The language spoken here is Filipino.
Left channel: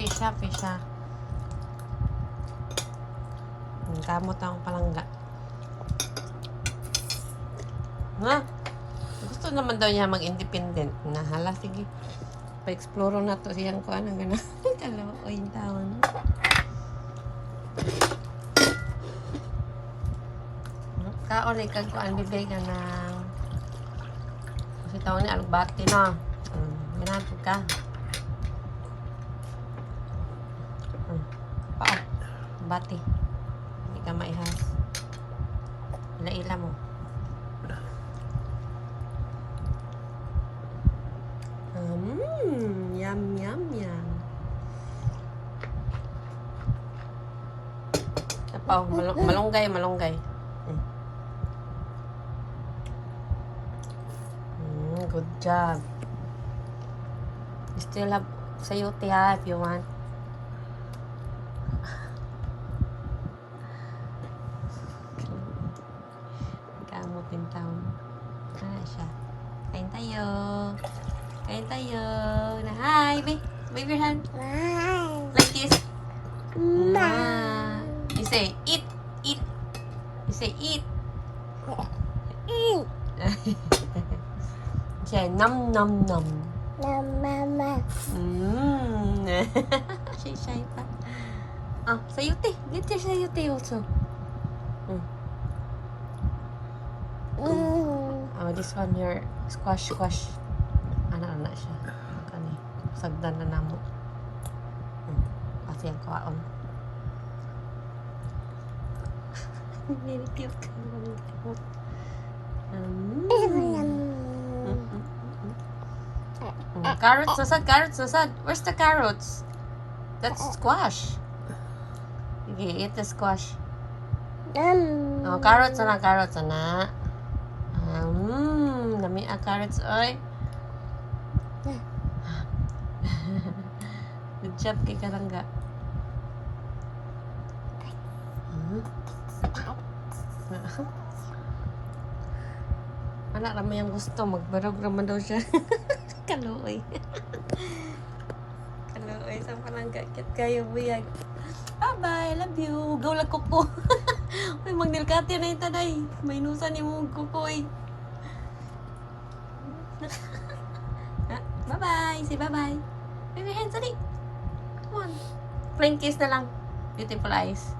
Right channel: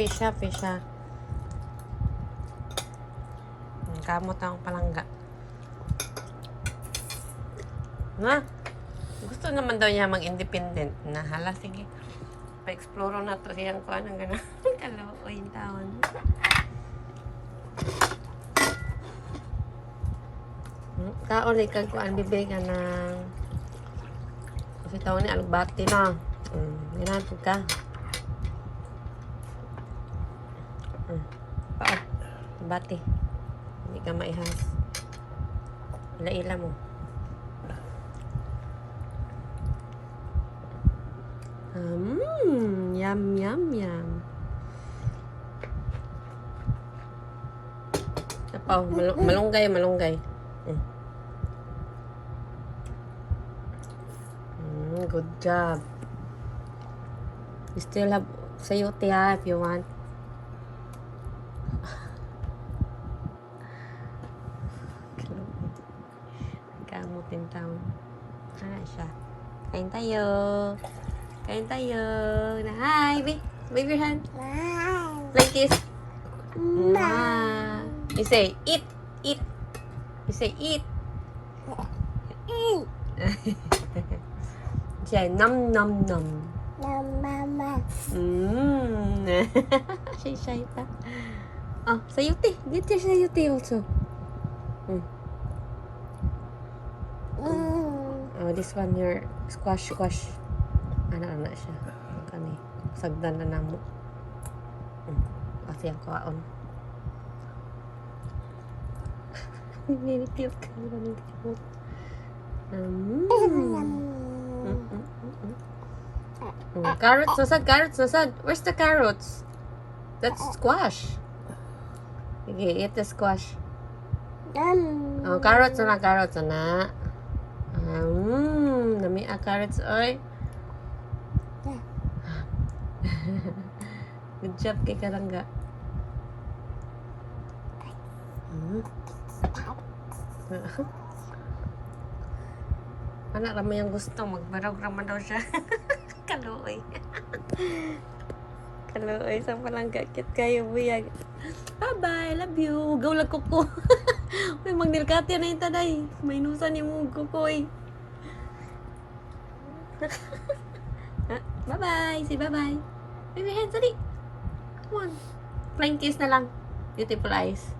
Pisha. Kamot ang palangga. Ha? Gusto naman daw niya mag-independent. Nahala, sige. Pa-explore na to siyang kuha ng gano'n. Kalooy yung taon. Kaulay kag kuan bibili ka ng kasi taon ni alugbati na. Ginatod ka. Pao. Bati. Hindi ka maihas. Ila-ila mo. Yum. Apaw, malunggay. Good job. You still have sayote ha if you want. Kamot in town. Siya. Kain tayo. Na hi, wave your hand. Like this. You say eat. You say eat. Siya, nom. Shy pa. Sayote. Get your sayote also. This one, your squash. Ano siya. Kani. Sagdan na namo. Kasi ang kaon. Cute ka. Carrots, nasad. Where's the carrots? That's squash. Okay, eat the squash. Carrots na. Lami carrots, oy. Good job kay Karangga. Anak naman yung gusto. Magbarog naman daw siya. Kaluoy. Sa palangga. Kit kayo buyag. Bye-bye. Love you. Gawlag kuko. May magnilkati na yung taday. May inusan yung kukoy. Bye-bye. Say bye-bye. Wave your hands, Ali. Come on. Flying kiss na lang. Beautiful eyes.